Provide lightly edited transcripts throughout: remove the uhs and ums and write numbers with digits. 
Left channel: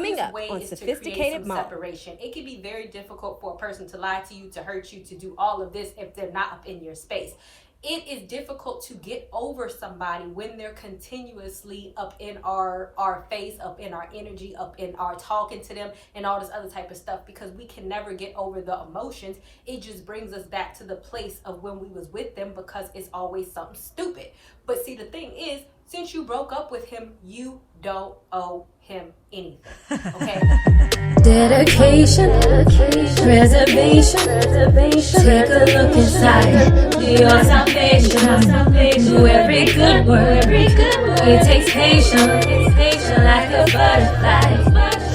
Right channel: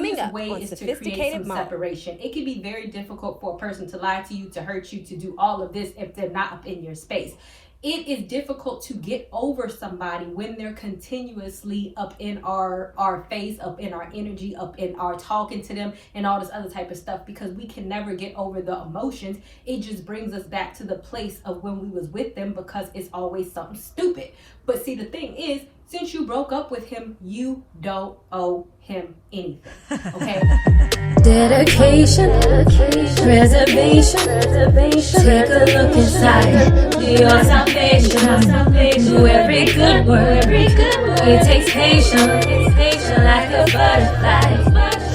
Coming up on Sophisticated Mom. Separation. It can be very difficult for a person to lie to you, to hurt you, to do all of this if they're not up in your space. It is difficult to get over somebody when they're continuously up in our face, up in our energy, up in our talking to them and all this other type of stuff, because we can never get over the emotions. It just brings us back to the place of when we was with them, because it's always something stupid. But see, the thing is, since you broke up with him, you don't owe him anything, okay? Dedication, preservation, take a look inside your salvation. Do every good work, it takes patience, like a butterfly,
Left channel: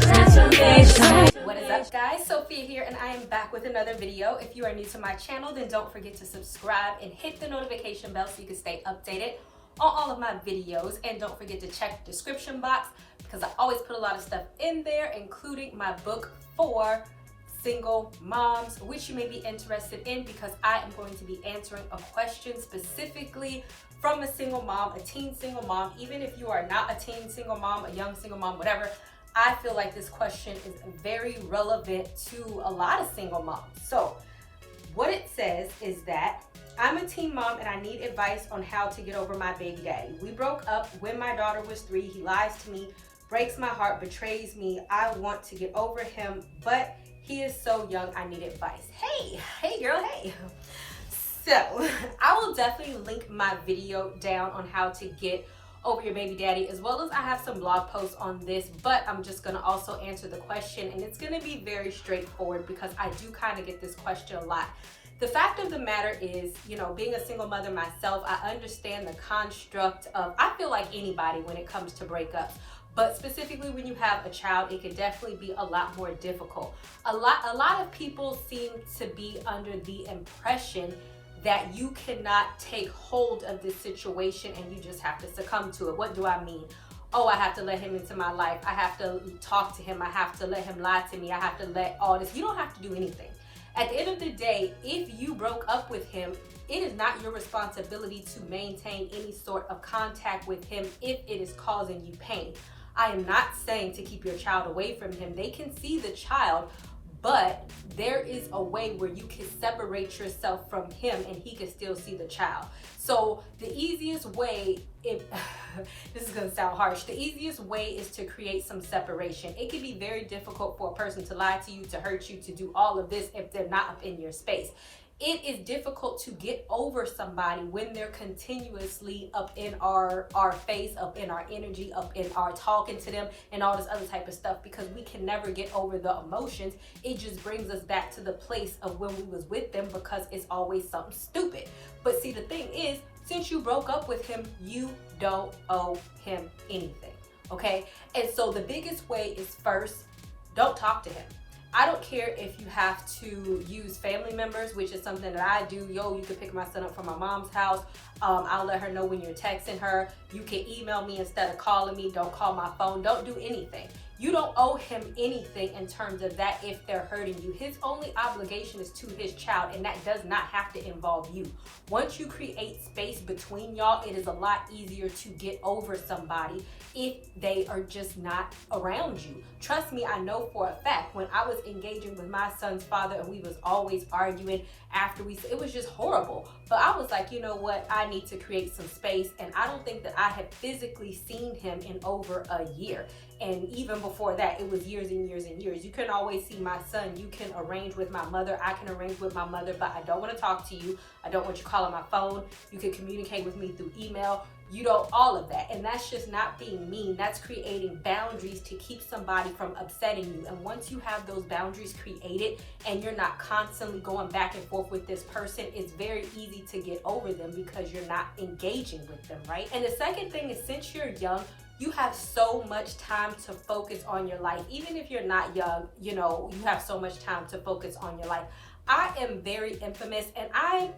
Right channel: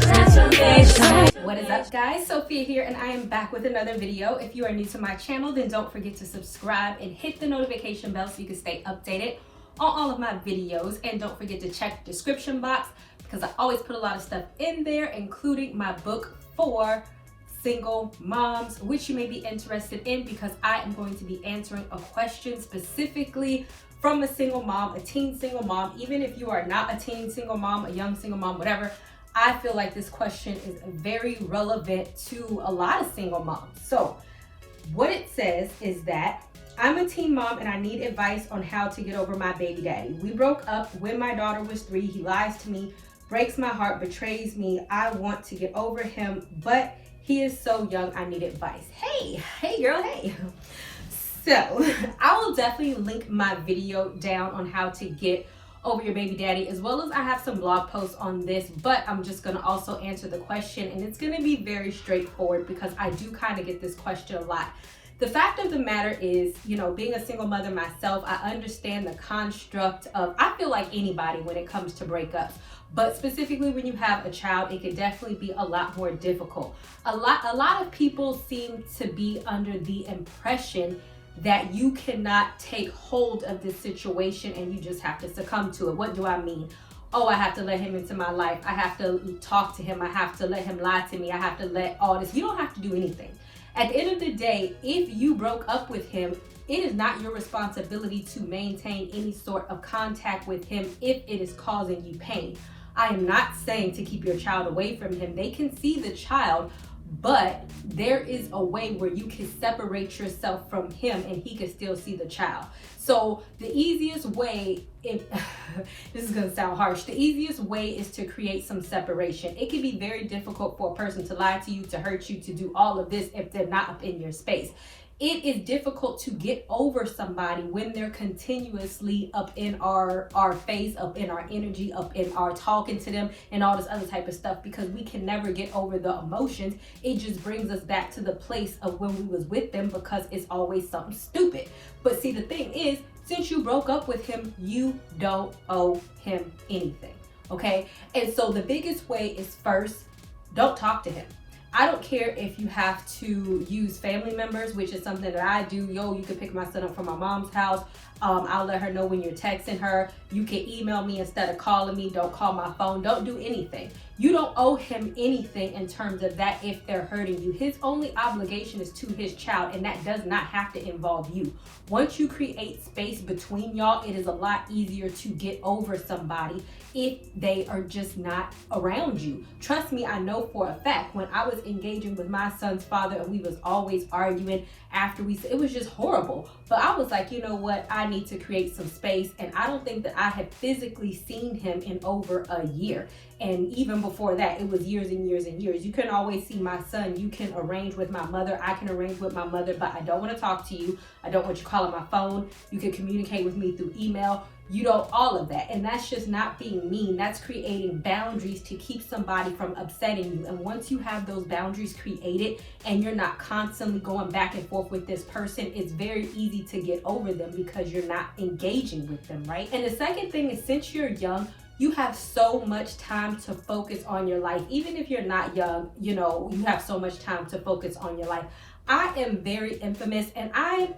transformation. What is up, guys? Sophia here, and I am back with another video. If you are new to my channel, then don't forget to subscribe and hit the notification bell so you can stay updated on all of my videos. And don't forget to check the description box, because I always put a lot of stuff in there, including my book for single moms, which you may be interested in, because I am going to be answering a question specifically from a single mom, a teen single mom. Even if you are not a teen single mom, a young single mom, whatever, I feel like this question is very relevant to a lot of single moms. So what it says is that I'm a teen mom and I need advice on how to get over my baby daddy. We broke up when my daughter was 3. He lies to me, breaks my heart, betrays me. I want to get over him, but he is so young. I need advice. Hey girl, hey. So I will definitely link my video down on how to get over your baby daddy, as well as I have some blog posts on this, but I'm just gonna also answer the question, and it's gonna be very straightforward because I do kind of get this question a lot. The fact of the matter is, you know, being a single mother myself, I understand the construct of, I feel like anybody when it comes to breakups, but specifically when you have a child, it can definitely be a lot more difficult. A lot of people seem to be under the impression that you cannot take hold of this situation and you just have to succumb to it. What do I mean? Oh, I have to let him into my life. I have to talk to him. I have to let him lie to me. I have to let all this. You don't have to do anything. At the end of the day, if you broke up with him, it is not your responsibility to maintain any sort of contact with him if it is causing you pain. I am not saying to keep your child away from him. They can see the child, but there is a way where you can separate yourself from him and he can still see the child. So the easiest way, if this is going to sound harsh, the easiest way is to create some separation. It can be very difficult for a person to lie to you, to hurt you, to do all of this if they're not up in your space. It is difficult to get over somebody when they're continuously up in our face, up in our energy, up in our talking to them and all this other type of stuff, because we can never get over the emotions. It just brings us back to the place of when we was with them, because it's always something stupid. But see, the thing is, since you broke up with him, you don't owe him anything, okay? And so the biggest way is, first, don't talk to him. I don't care if you have to use family members, which is something that I do. Yo, you can pick my son up from my mom's house. I'll let her know when you're texting her. You can email me instead of calling me. Don't call my phone. Don't do anything. You don't owe him anything in terms of that if they're hurting you. His only obligation is to his child, and that does not have to involve you. Once you create space between y'all, it is a lot easier to get over somebody if they are just not around you. Trust me, I know for a fact, when I was engaging with my son's father and we was always arguing after it was just horrible. But I was like, you know what? I need to create some space. And I don't think that I had physically seen him in over a year. And even before that, it was years and years and years. You can always see my son. You can arrange with my mother. I can arrange with my mother, but I don't want to talk to you. I don't want you calling my phone. You can communicate with me through email. You know, all of that. And that's just not being mean. That's creating boundaries to keep somebody from upsetting you. And once you have those boundaries created and you're not constantly going back and forth with this person, it's very easy to get over them because you're not engaging with them, right? And the second thing is, since you're young, you have so much time to focus on your life. Even if you're not young, you know, you have so much time to focus on your life. I am very infamous, and I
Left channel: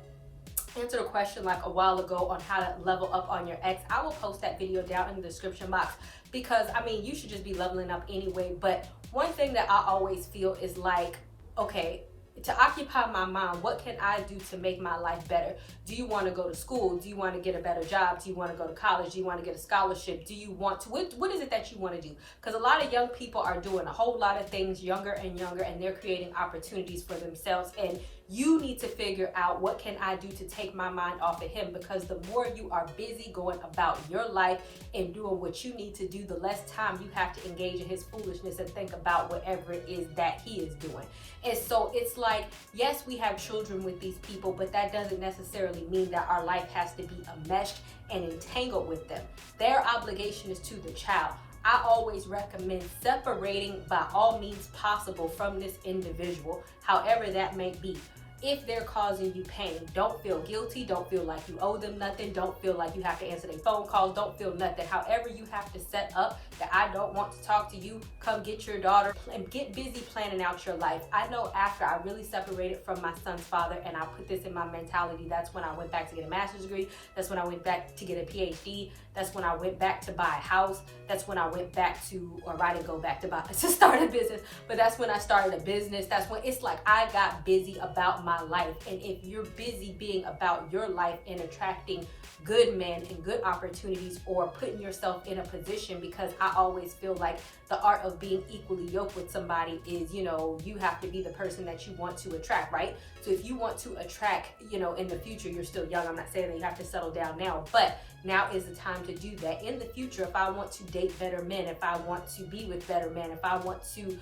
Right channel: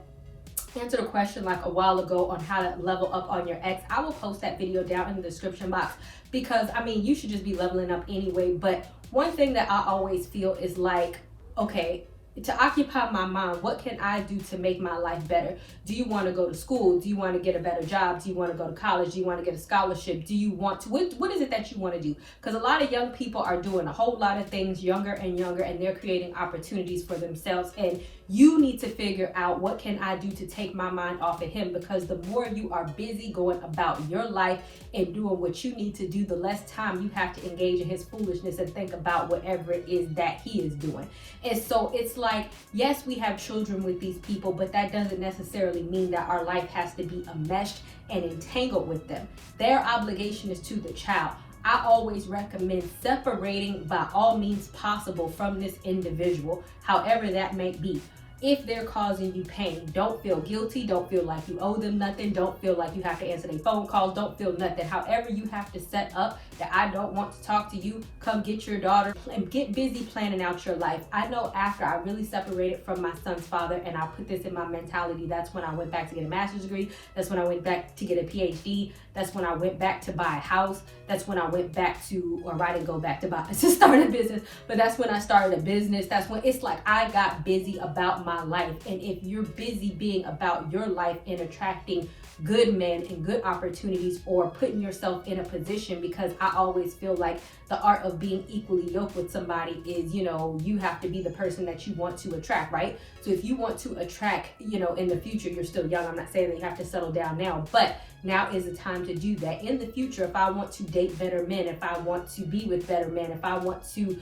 answered a question like a while ago on how to level up on your ex. I will post that video down in the description box, because I mean, you should just be leveling up anyway. But one thing that I always feel is like, okay, to occupy my mind. What can I do to make my life better? Do you want to go to school? Do you want to get a better job? Do you want to go to college? Do you want to get a scholarship? Do you want to, what is it that you want to do? Because a lot of young people are doing a whole lot of things younger and younger, and they're creating opportunities for themselves. And you need to figure out, what can I do to take my mind off of him? Because the more you are busy going about your life and doing what you need to do, the less time you have to engage in his foolishness and think about whatever it is that he is doing. And so it's like, yes, we have children with these people, but that doesn't necessarily mean that our life has to be enmeshed and entangled with them. Their obligation is to the child. I always recommend separating by all means possible from this individual, however that may be. If they're causing you pain, don't feel guilty. Don't feel like you owe them nothing. Don't feel like you have to answer their phone calls. Don't feel nothing. However you have to set up that I don't want to talk to you, come get your daughter and get busy planning out your life. I know after I really separated from my son's father, and I put this in my mentality, that's when I went back to get a master's degree. That's when I went back to get a PhD. That's when I went back to buy a house. That's when I went back to, or I didn't go back to start a business, but that's when I started a business. That's when it's like I got busy about my life. And if you're busy being about your life and attracting good men and good opportunities, or putting yourself in a position, because I always feel like the art of being equally yoked with somebody is, you have to be the person that you want to attract, right? So if you want to attract, in the future, you're still young. I'm not saying that you have to settle down now, but now is the time to do that. In the future, if I want to date better men, if I want to be with better men, if I want to,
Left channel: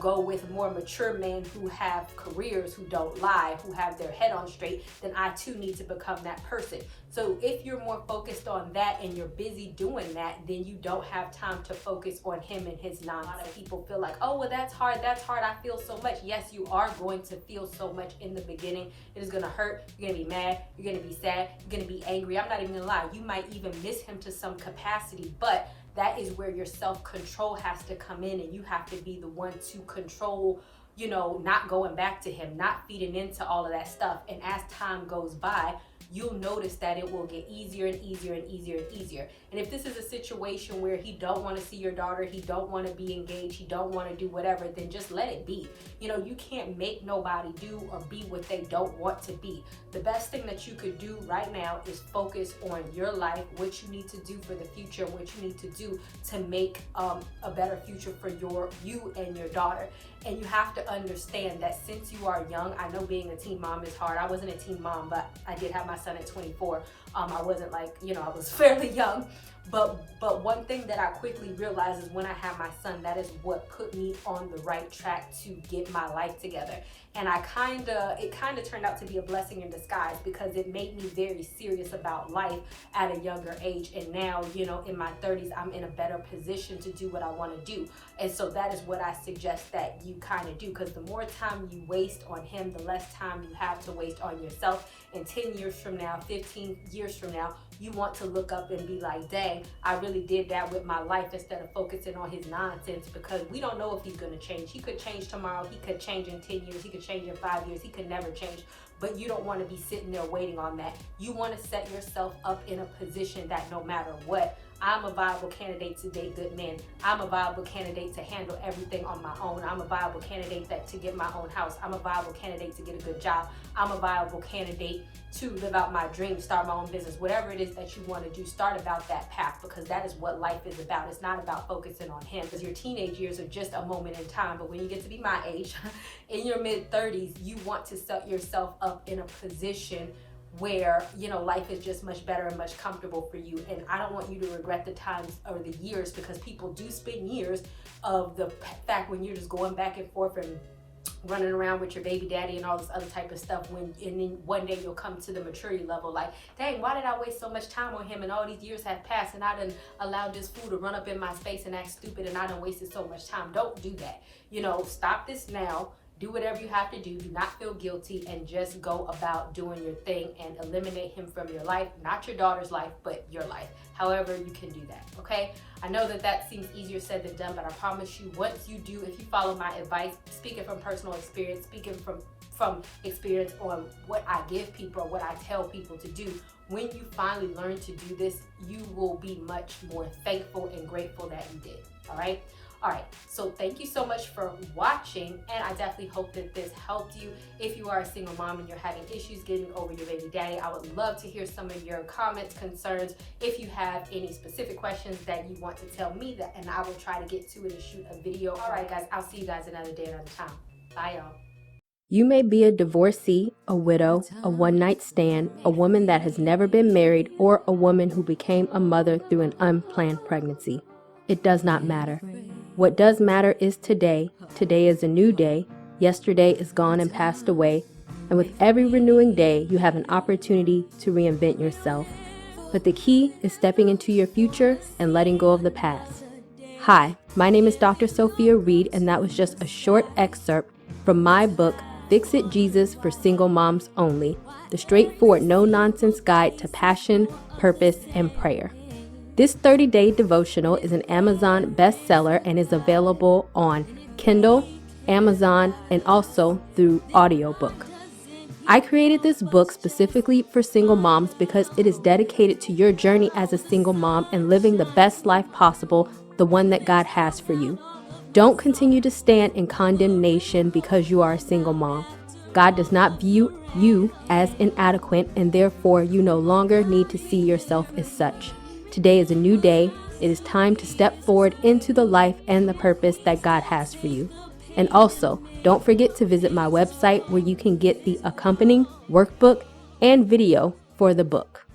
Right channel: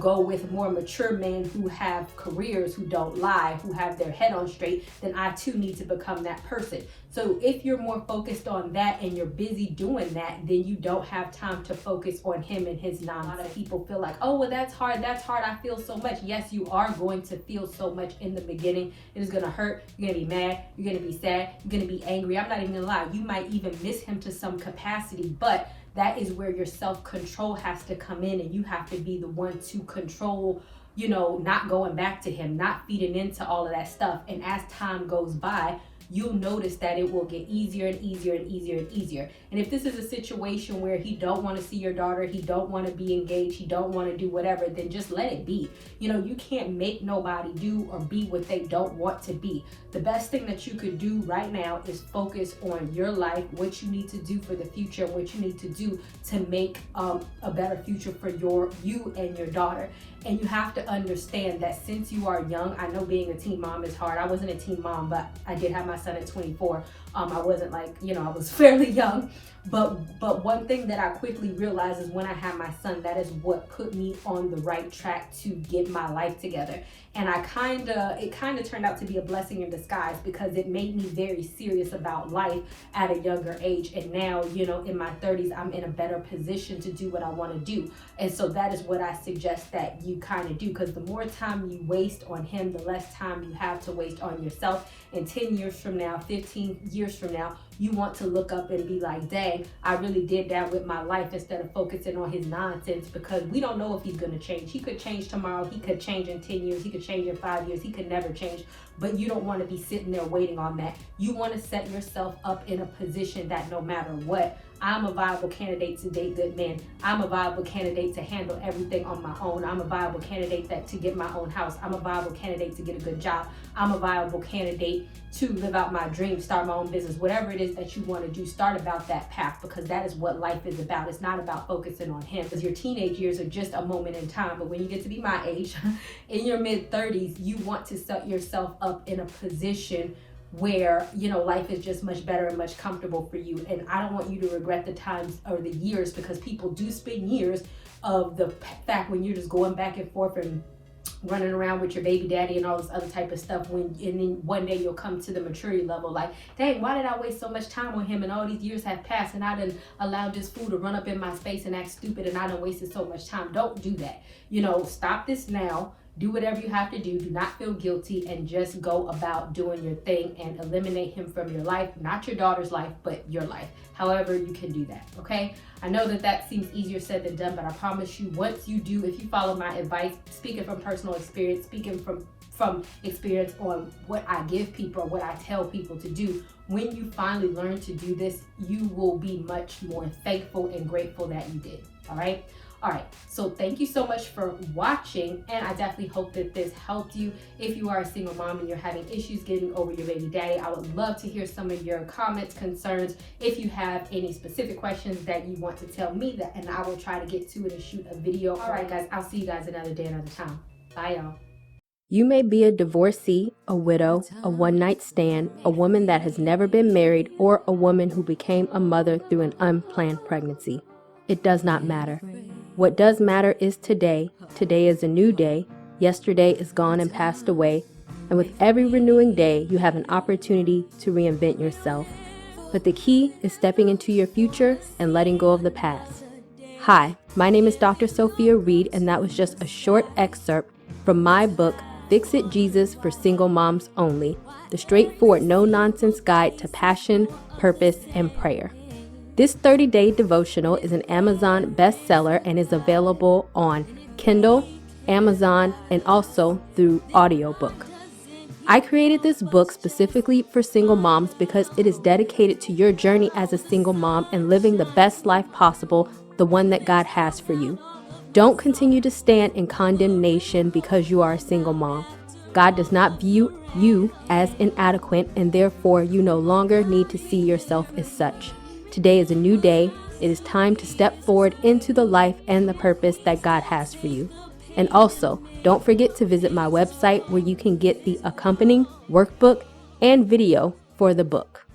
go with more mature men who have careers, who don't lie, who have their head on straight, then I too need to become that person. So if you're more focused on that and you're busy doing that, then you don't have time to focus on him and his nonsense. A lot of people feel like, oh, well, that's hard. I feel so much. Yes, you are going to feel so much in the beginning. It is going to hurt. You're going to be mad. You're going to be sad. You're going to be angry. I'm not even going to lie. You might even miss him to some capacity, but that is where your self-control has to come in, and you have to be the one to control, not going back to him, not feeding into all of that stuff. And as time goes by, you'll notice that it will get easier and easier and easier and easier. And if this is a situation where he don't want to see your daughter, he don't want to be engaged, he don't want to do whatever, then just let it be. You can't make nobody do or be what they don't want to be. The best thing that you could do right now is focus on your life, what you need to do for the future, what you need to do to make a better future for you and your daughter. And you have to understand that since you are young, I know being a teen mom is hard. I wasn't a teen mom, but I did have my son at 24. I wasn't like, I was fairly young. But one thing that I quickly realized is when I had my son, that is what put me on the right track to get my life together. And it kind of turned out to be a blessing in disguise, because it made me very serious about life at a younger age. And now, in my 30s, I'm in a better position to do what I want to do. And so that is what I suggest that you kind of do, because the more time you waste on him, the less time you have to waste on yourself. And 10 years from now, 15 years from now, you want to look up and be like, dang, I really did that with my life, instead of focusing on his nonsense, because we don't know if he's going to change. He could change tomorrow. He could change in 10 years. He could change in 5 years. He could never change. But you don't want to be sitting there waiting on that. You want to set yourself up in a position that no matter what, I'm a viable candidate to date good men. I'm a viable candidate to handle everything on my own. I'm a viable candidate to get my own house. I'm a viable candidate to get a good job. I'm a viable candidate to live out my dreams, start my own business. Whatever it is that you want to do, start about that path, because that is what life is about. It's not about focusing on him, because your teenage years are just a moment in time. But when you get to be my age, in your mid-30s, you want to set yourself up in a position where life is just much better and much comfortable for you. And I don't want you to regret the times or the years, because people do spend years of the fact when you're just going back and forth and running around with your baby daddy and all this other type of stuff, and then one day you'll come to the maturity level like, dang, why did I waste so much time on him, and all these years have passed and I done allowed this fool to run up in my space and act stupid, and I done wasted so much time. Don't do that. Stop this now. Do whatever you have to do. Do not feel guilty, and just go about doing your thing and eliminate him from your life. Not your daughter's life, but your life. However you can do that, okay? I know that seems easier said than done, but I promise you, once you do, if you follow my advice, speaking from personal experience, speaking from experience on what I give people or what I tell people to do, when you finally learn to do this, you will be much more thankful and grateful that you did, all right? All right, so thank you so much for watching, and I definitely hope that this helped you. If you are a single mom and you're having issues getting over your baby daddy, I would love to hear some of your comments, concerns. If you have any specific questions that you want to tell me, that, and I will try to get to it and shoot a video. All right, guys, I'll see you guys another day, another time. Bye, y'all. You may be a divorcee, a widow, a one-night stand, a woman that has never been married, or a woman who became a mother through an unplanned pregnancy. It does not matter. What does matter is today. Today is a new day. Yesterday is gone and passed away. And with every renewing day, you have an opportunity to reinvent yourself. But the key is stepping into your future and letting go of the past. Hi, my name is Dr. Sophia Reed, and that was just a short excerpt from my book, Fix It Jesus for Single Moms Only, the straightforward, no-nonsense guide to passion, purpose, and prayer. This 30-day devotional is an Amazon bestseller and is available on Kindle, Amazon, and also through audiobook. I created this book specifically for single moms because it is dedicated to your journey as a single mom and living the best life possible, the one that God has for you. Don't continue to stand in condemnation because you are a single mom. God does not view you as inadequate, and therefore you no longer need to see yourself as such. Today is a new day. It is time to step forward into the life and the purpose that God has for you. And also, don't forget to visit my website where you can get the accompanying workbook and video for the book.